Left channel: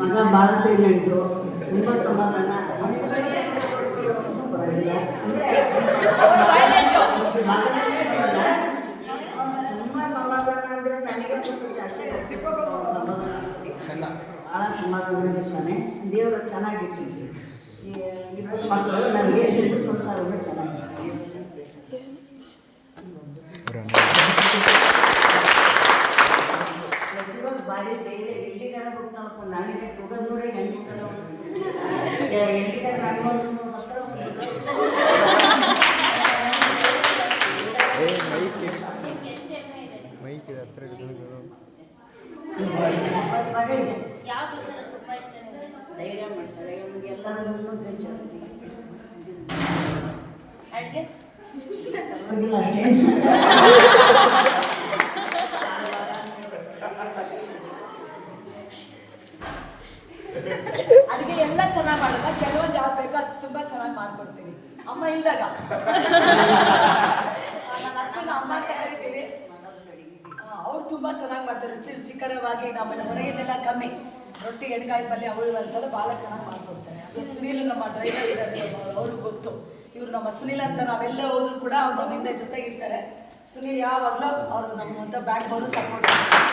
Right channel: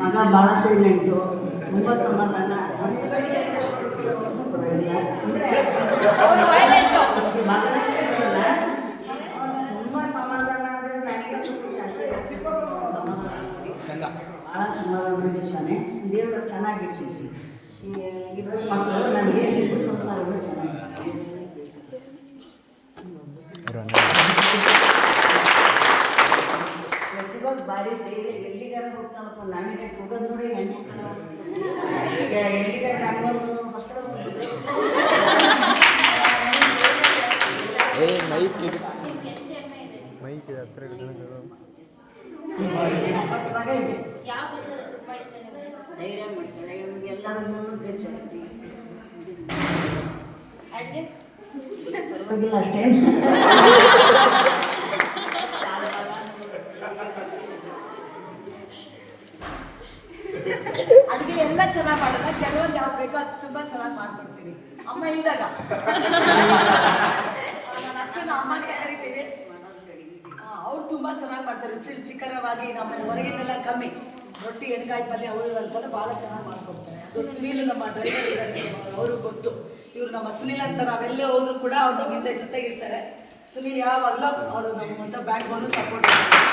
ಮಗ ಭಾಳ ಸೈಲೆಂಟು, ತುಂಬ ಸಮಾಧಾನ. ಪರವಾಗಿಲ್ಲ ತುಂಬ ಸಮಾಧಾನ ಅಂದರೆ ನನಗೆ ಜಾಸ್ತಿ ಸಮಾಧಾನ, ಭಾಳ ಸಮಾಧಾನವಾಗಿರ್ತಾನೆ. ದೇವರ ಚೆನ್ನಾಗಿರ್ತೀವಿ. ಇಬ್ಬರು ಮಕ್ಕಳು ನನಗೆ ಸಂಸಾರಗಳು ಚೆನ್ನಾಗಿರ್ತಾರೆ. ಪ್ರತಿಭಾ ಭಾರಿ ಬೇರೆ ಎಲ್ಲಿಗಾರ ಹೋಗ್ತಾನಪ್ಪ, ನನಗೆ ಹೋಗೋದು ನೋಡಿ ಹೆಣ್ಣು ಕಡೆ ಹೋಗಿಸ್ತಾರೆ. ಎಲ್ಲಿಗಾರ ನಮ್ಮನ್ನು ಹತ್ರ ಮಗ ಇದೆ, ಧೈರ್ಯ ಮಾಡ್ತಾಳೆ. ಎಲ್ಲರೂ ಮುನ್ನೂರು ಜಾಸ್ತಿ ಪರವಾಗಿಲ್ಲ ಅಷ್ಟೇ. ಅಡುಗೆ ಎಲ್ಲ ಚೆನ್ನಾಗಿ ಮಾಡಲ್ಲ, ಕೆಲವೊಂದು ಯಾವ್ದು ಬೇಕೋ ಅದು ತುಂಬ ಚೆನ್ನಾಗಿ ಮಾಡ್ಕೊಡ್ತೀನಿ. ಅಮ್ಮ ಇಲ್ದಾಗ ನನ್ನ ಅಮ್ಮ ಅಂತ ಕರಿತೀವಿ. ಅವ್ರು ತುಂಬ ಚೆನ್ನಾಗಿ ಮಾಡ್ತಾರೆ, ರುಚಿಕರವಾಗಿ. ನಮ್ಮಲ್ಲಿ ಹೊರಗಿಂದೆಲ್ಲ ಕಮ್ಮಿ. ರೊಟ್ಟಿ, ಎಣ್ಗಾಯಿ ಪಲ್ಯ ಅವರು ಅಂತಾರೆ, ಭಾಳ ಚೆನ್ನಾಗಿ ಮಾಡ್ಕೊಡ್ತಾರೆ. ಅದು ಸುನೀಲ್ ನಮ್ಮ ಡ್ರೈವರ್ ಇದ್ದಾರೆ, ಅವ್ರಿಗೆ ಗೊತ್ತು. ಇವರು ನಮ್ಮ ಸುನೀಲ್ ಅಂತ ನಾವೆಲ್ಲ ಹೋದ್ರು ಕೂಡ ಅವ್ರು ನಮ್ಮ ಹಿಂದೆ ಜೊತೆಗಿರ್ತಾರೆ. ಸುನೀಲ್ ಯಾವಾಗಲೂ ಅವರು ನಮ್ಮ ಬ್ಯಾಕ್ ಬೋನು ಸಪೋರ್ಟ್ ಮಾಡ್ತಾರೆ.